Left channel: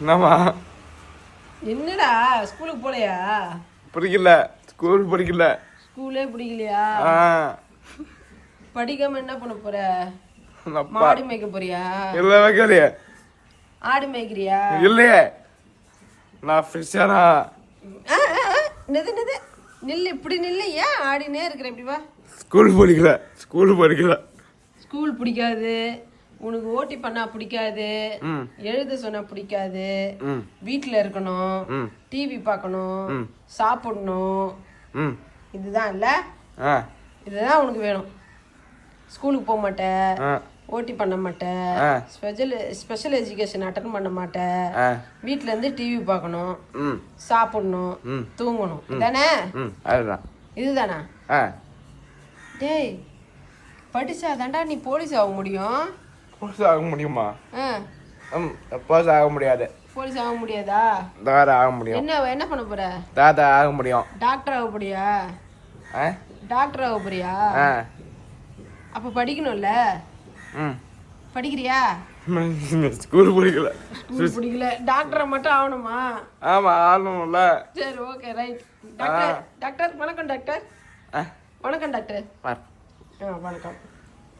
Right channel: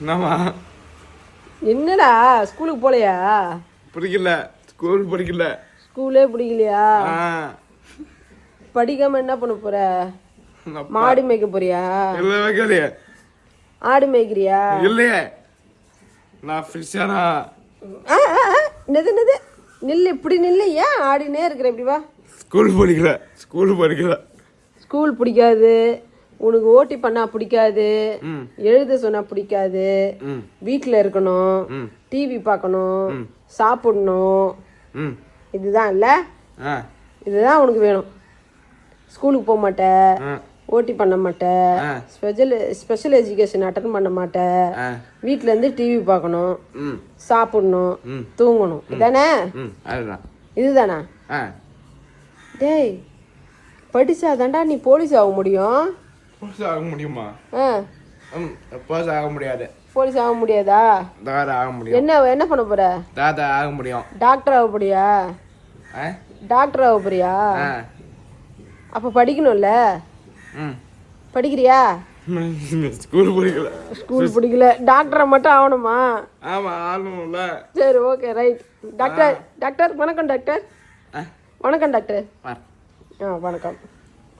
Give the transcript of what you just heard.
என்னம்மா என்னடா ஸ்கூலுக்கு போலையா? பிடிக்கல, ஸ்கூல் பிடிக்கல. ஸ்கூலே பிடிக்கலையா? படிக்காம என்ன பண்ண போற? மாடு மேய்க்க போறியா? இல்ல வைக்கலையே. ஆடு மேய்க்கிறியா? இல்லையே, நான் ஃபிஷரா. நிது நில்லு, இப்படி நில்லு. ஏன் ஆடினே இருக்கிற? இப்படி வா. ஸ்கூல் படிக்கல, ஸ்கூல் படிக்கல. ஸ்கூல் பிடிக்காது உனக்கு, ஓட்டி பண்ணா பிடிக்காது, எழுத சொன்னா பிடிக்காது, வீட்டுல இருக்கணும், டிவி பார்க்கணும், சாப்பிடணும், இதுதான் இல்ல? இதுதான் உனக்கு வேணும். ஸ்கூலுக்கு போக மாட்டேன், ஓட்டி பண்ண மாட்டேன், ஸ்பெஷல் எஜுகேஷன் அட்டன் பண்ண மாட்டேன், வீட்டுல இருந்து டிவி பார்க்கணும், சாப்பிடணும், தூங்கணும். இதானே? இதுதானா? டேய், படிச்சாதான்டா நீ போலீஸ் ஆக முடியும். போலீஸ் ஆக முடியுமா? போலீஸ் ஆக முடியாது. போலீஸ் ஆக முடியாதா? தாதா ஆக முடியும். என்ன பண்ண போற? தாதா ஆக முடியும். டாக்டர் ஆக போறியா? டாக்டர் ஆக போறியா? அப்ப படிக்கணும்ல. படிக்கிறியா? ஸ்கூல் பிடிக்கல. ஸ்கூல் பிடிக்கல, டாக்டரை மட்டும் ஆகணுமா? ஆமா, ஆகணும்ல. சரி, ஓகே, ரைட். டாக்டர், டாக்டர் வணக்கம். டாக்டர் வணக்கம். டாக்டர் வணக்கம்.